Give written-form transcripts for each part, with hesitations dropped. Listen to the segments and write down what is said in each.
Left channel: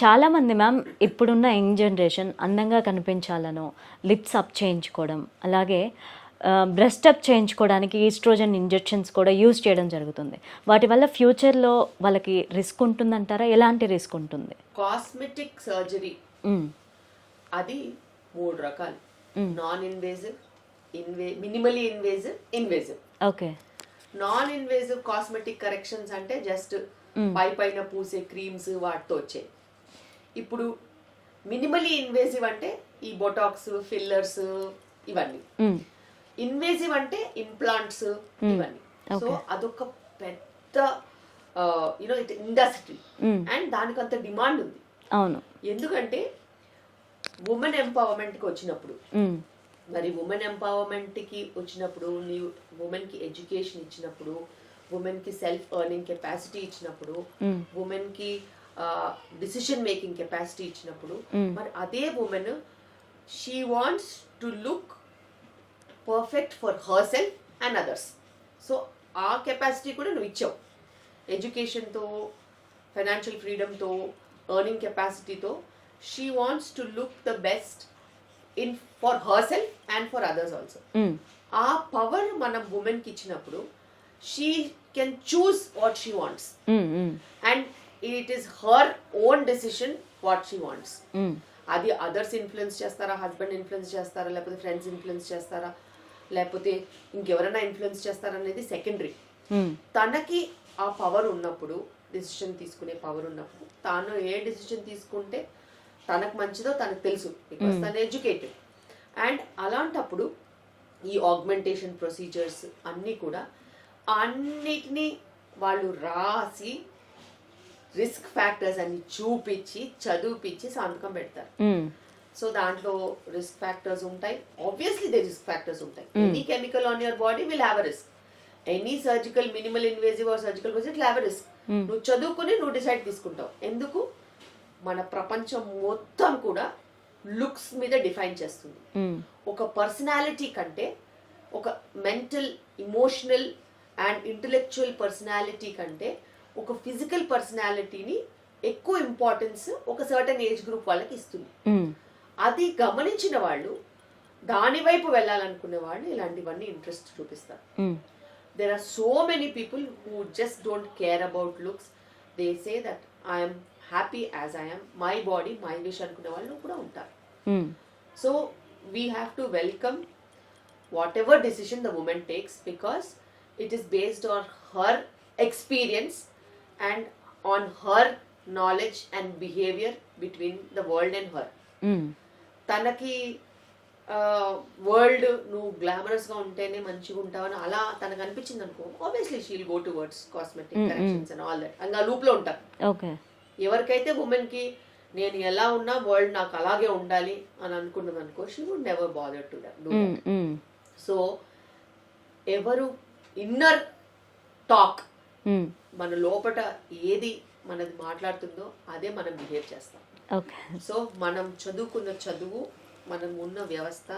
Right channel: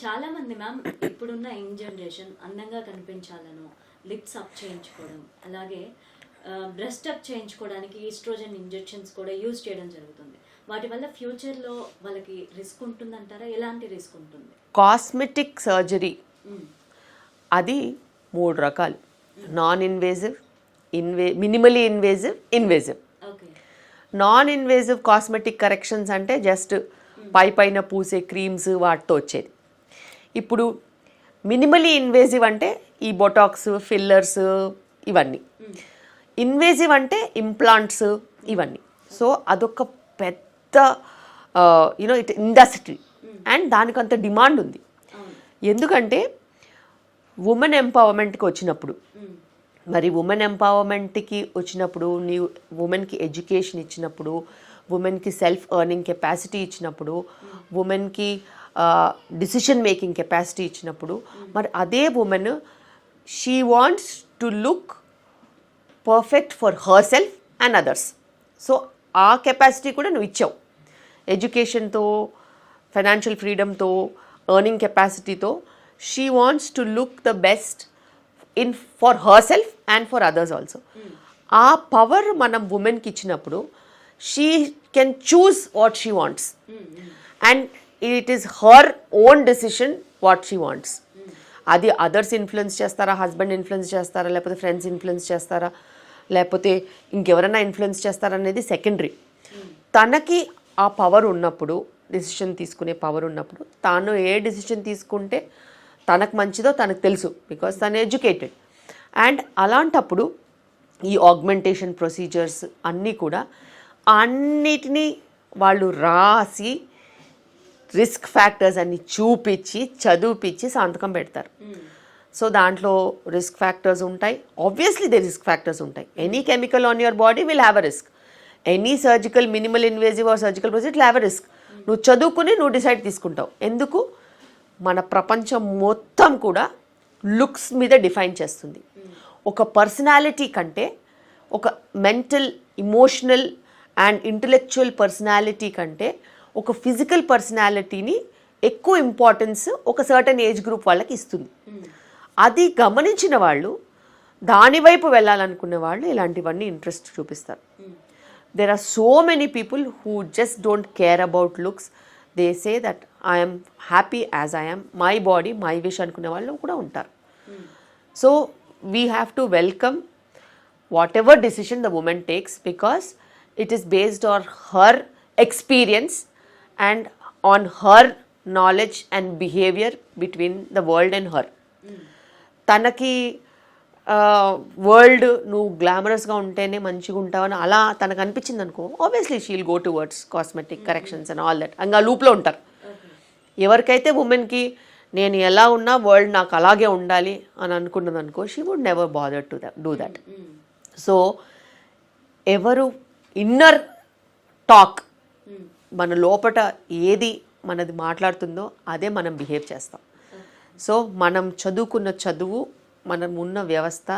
చాలామంది మ్యామ్ ఇప్పుడున్న young generation అందంగా కనిపించాలనో లిప్స్ అప్ చేయించుకోవడం, అలాగే బ్రెస్ట్ అప్ చేయించుకోవడానికి ఈస్ట్రోజన్ ఇంజెక్షన్స్ కూడా యూజ్ చేయడం జరుగుతుంది. వాటి వల్ల ఫ్యూచర్లో వాళ్ళకి రిస్క్ ఉంటుందంటారా? ఎలాంటి రిస్క్ ఉంటుంది? కాస్మెటిక్ సర్జరీ అది 3 రకాలు. Non invasive, minimally invasive, invasive. Okay. Non invasive cosmetic corrections అంటే జస్ట్ పైన పూసే క్రీమ్స్ వాటితో వచ్చేది. ఇప్పుడు మినిమలీ ఇన్వేజివ్ అంటే ఈ బొటాక్స్, ఫిల్లర్స్ ఇవన్నీ. ఇన్వేజివ్ అంటే ఇంప్లాంట్స్ ఇవన్నీ. సో అదొక పెద్ద ఇండస్ట్రీ అండ్ దానికి అంత డిమాండ్ ఉంది. అవును. ఎందుకంటే ఉమెన్ ఎంపవర్మెంట్కి వచ్చినప్పుడు, మరి ఉమెన్ ఎంపవర్మెంట్కి వచ్చినప్పుడు నీవు ఉమెన్కి ఎడ్యుకేషన్ ఇచ్చినప్పుడు, ఉమెన్కి సెల్ఫ్ ఎర్నింగ్ కెపాసిటీ ఇచ్చినప్పుడు, ఉమెన్కి డిసిషన్ మేకింగ్ కెపాసిటీ ఇచ్చినప్పుడు, మరి అదే women she wants to look perfect for her self and others. So ఆ కెపాసిటీ కూడా నువ్వు ఇచ్చావు. ఎడ్యుకేషన్తో, ఫైనాన్షియల్ ఫ్రీడమ్తో, ఎర్నింగ్ కెపాసిటీతో she wants to look the best in for her self and for others also. ఆ పవర్ మనం ఉమెన్కి ఇచ్చినప్పుడు she can choose what she wants and it is her own decision what she wants. అది others influence చేస్తారా, husband influence చేస్తారా, లేకపోతే friends influence చేస్తారా, లేకపోతే ఇంకెవరైనా ఇన్ఫ్లుయెన్స్ చేస్తారా అనేది సెకండరీ. తనకి ఆ పవర్ ఉన్నప్పుడు, డెసిషన్ తీసుకునే పవర్ ఉన్నప్పుడు, తాను ఏ డెసిషన్ తీసుకుంటే తనకు మంచిదో తనకు తెలుసు, బికాస్ తను ఎడ్యుకేటెడ్. అండ్ అలాంటప్పుడు ఈ ఆగ్మెంటేషన్ ప్రొసీజర్స్ అన్నీ కూడా అన్నిటినీ వాళ్ళు రాసి రిస్క్ ఫ్యాక్టర్స్ అన్ని చూపించి చదివిపించి సంతకం పెడతారు. సో దాంట్లో రిస్క్ ఫ్యాక్టర్స్ ఉంటాయి. ఆబ్వియస్లీ దే రిస్క్ ఫ్యాక్టర్స్ ఉంటాయి. Any chemical on your body will have a risk. Any surgical, minimal invasive are surgical procedure will have a risk. నువ్వు చదువుకుని నువ్వు డిసైడ్ తీసుకుంటావు. ఎందుకు? మన ప్రపంచం మొత్తం కూడా లుక్స్ మీద డిఫైన్ చేస్తుంది. ఒక పర్సనాలిటీ కంటే ఒక mental, emotional and intellectual personality కంటే ఒక ఫిజికల్ పర్సనాలిటీని ఎక్కువ ఇంపార్టెన్స్ ఒక సర్టన్ ఏజ్ గ్రూప్ వాళ్ళకి ఇస్తుంది. అది గమనించిన వాళ్ళు, దాని వైపు వెళ్ళాలనుకునే వాళ్ళు ఇలాంటివన్నీ ఇంట్రెస్ట్ చూపిస్తారు. there are so many people who just don't care about looks. They say that I am happy as I am, my body, my wish అనుకునే వాళ్ళు కూడా ఉంటారు. So we have to welcome whatever decision the woman takes, because it is based on her experience and on her knowledge and behavior between the world and her. తనకి world నువ్వు గ్లామరస్గా ఉంటేనే మంచిగా ఉంటావని అలా తనకు అనిపించింది అనుకో, obviously she'll go towards cosmetic corrections and all that. ఇంకా లూప్లో ఉంటారు. ఎవరికైతే ఉమెన్కి నేను ఎలా ఉన్నా వరల్డ్ నాకు అలాగే ఉండాలి అని అనుకున్నది అనుకో, she would never bother to do that. So ఎవరు ఇన్నర్ టాక్, మన లోపట ఏది మనది మాట్లాడుతుందో అదే మనం బిహేవ్ చేస్తాం. సో మనం చదువుకున్న చదువు, మనం ఉన్న వ్యవస్థ,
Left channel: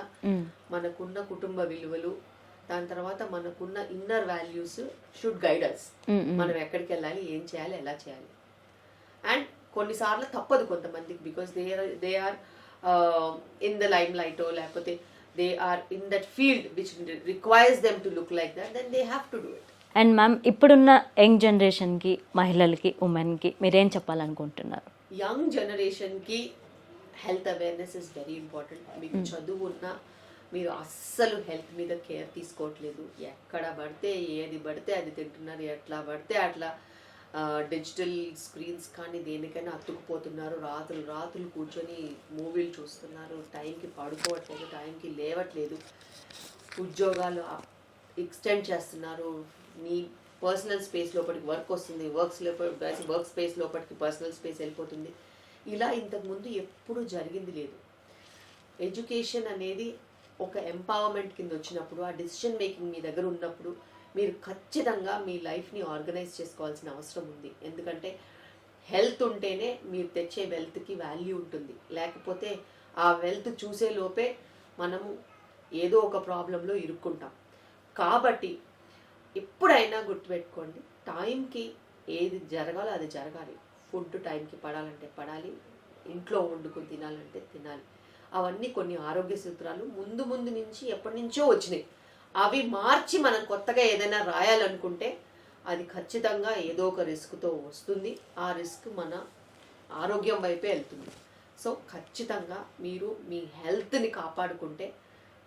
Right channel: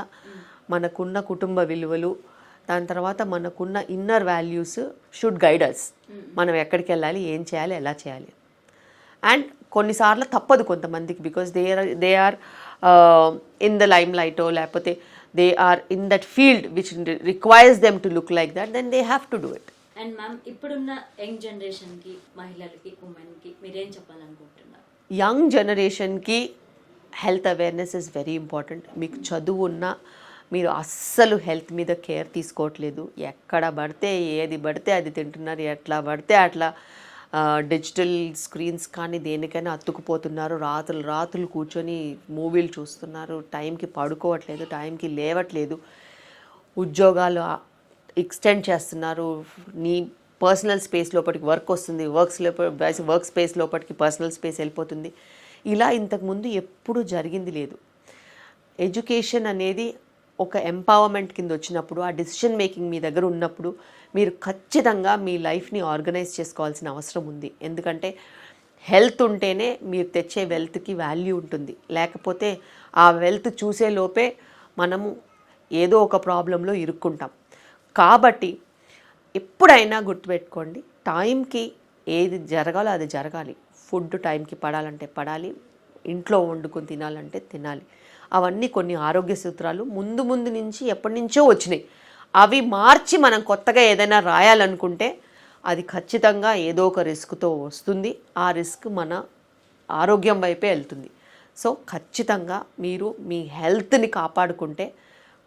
మనకున్న కుటుంబ విలువలు, దాని తర్వాత మనకున్న inner values should guide us. మనం ఎక్కడికి వెళ్ళాలి, ఏం చేయాలి, ఎలా చేయాలి. అండ్ కొన్నిసార్లు తప్పదు కొంతమందికి, because they are in the లైమ్ లైటో, లేకపోతే they are in that field which requires them to look like that, then they have to do it. And ma'am, ఇప్పుడున్న యంగ్ జనరేషన్కి, మహిళలకి, ఉమెన్కి మీరేం చెప్పాలనుకుంటున్నారు? యంగ్ జనరేషన్కి health awareness is very important. మీకు చదువు ఉన్నా మీరు అస్సలు హెల్త్ మీద కేర్ తీసుకోవట్లేదు. ఎక్కడ పడితే ఏది పడితే అది తింటున్నారు, ఎట్లా పడితే అట్లా డిజిటల్ స్క్రీన్స్ కానీ దేనికైనా అతుక్కుపోతున్నారు. రాత్రులు కూర్చొని మూవీలు చూస్తున్నారు, టైంకి పడుకోవట్లేదు, టైంకి లేవట్లేదు, ఉద్యోగాలు ఎక్స్టెండ్ చేస్తున్నారు. నీ పర్సనల్ స్పేస్ లోపలికి వర్క్ వస్తుంది, వర్క్ స్పేస్ లోపలికి పర్సనల్ స్పేస్ వెళ్ళిపోతుంది. ఇలా ఇంతకుముందు ఎప్పుడూ జరిగింది లేదు. ఎడ్యుకేషన్ అనేది ఒక ఎంపవర్మెంట్ కింద వచ్చినప్పుడు, ఆ డెసిషన్ మేకింగ్ మీ దగ్గర ఉన్నప్పుడు మీరు ఖచ్చితంగా మీ లైఫ్ని ఆర్గనైజ్ చేసుకోవాల్సిన అవసరం ఉంది. ఎందుకంటే హెల్త్ ఉంటేనే మీరు తెచ్చే వెల్త్కి వాల్యూ ఉంటుంది. లేకపోతే ఆ వెల్త్ చూసే లోపే మనము ఏదో ఒక ప్రాబ్లంలో ఇరుక్కుంటాం. కాబట్టి ఎప్పుడైనా గుర్తుపెట్టుకోండి, టైంకి ఏది జరగాలో అది జరగాలి. ఫుడ్ టైంకి పడాలంటే పడాలి, ఇంట్లో వండుకొని తినాలంటే తినాలి. అవన్నీ కొన్ని ఆరోగ్య సూత్రాలు ముందు ముందు నుంచి ఎప్పటి నుంచో వచ్చినాయి. అవి మార్చి మనం కొత్తగా ఏదైనా రాయాలనుకుంటే అది ఖచ్చితంగా ఏదో ఒక రిస్క్తో వస్తుంది. ఆ రిస్క్ మన ఆరోగ్యం వైపే వెళ్తుంది. సో ఖచ్చితంగా మీరు మీ హెల్త్ని కాపాడుకుంటే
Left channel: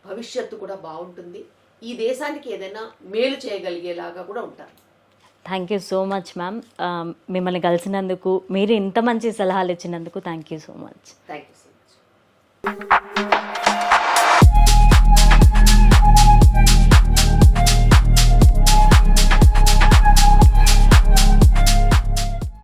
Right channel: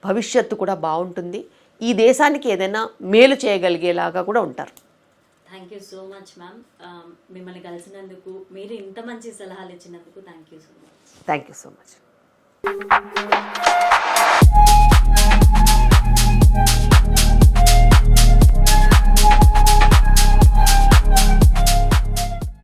భవిష్యత్తు కూడా బాగుంటుంది. ఈ దేశానికి ఏదైనా మేలు చేయగలిగేలాగా కూడా ఉంటారు. Thank you so much ma'am. మిమ్మల్ని కలిసినందుకు, మీరు ఇంత మంచి సలహాలు ఇచ్చినందుకు thank you so much. Thank you so much.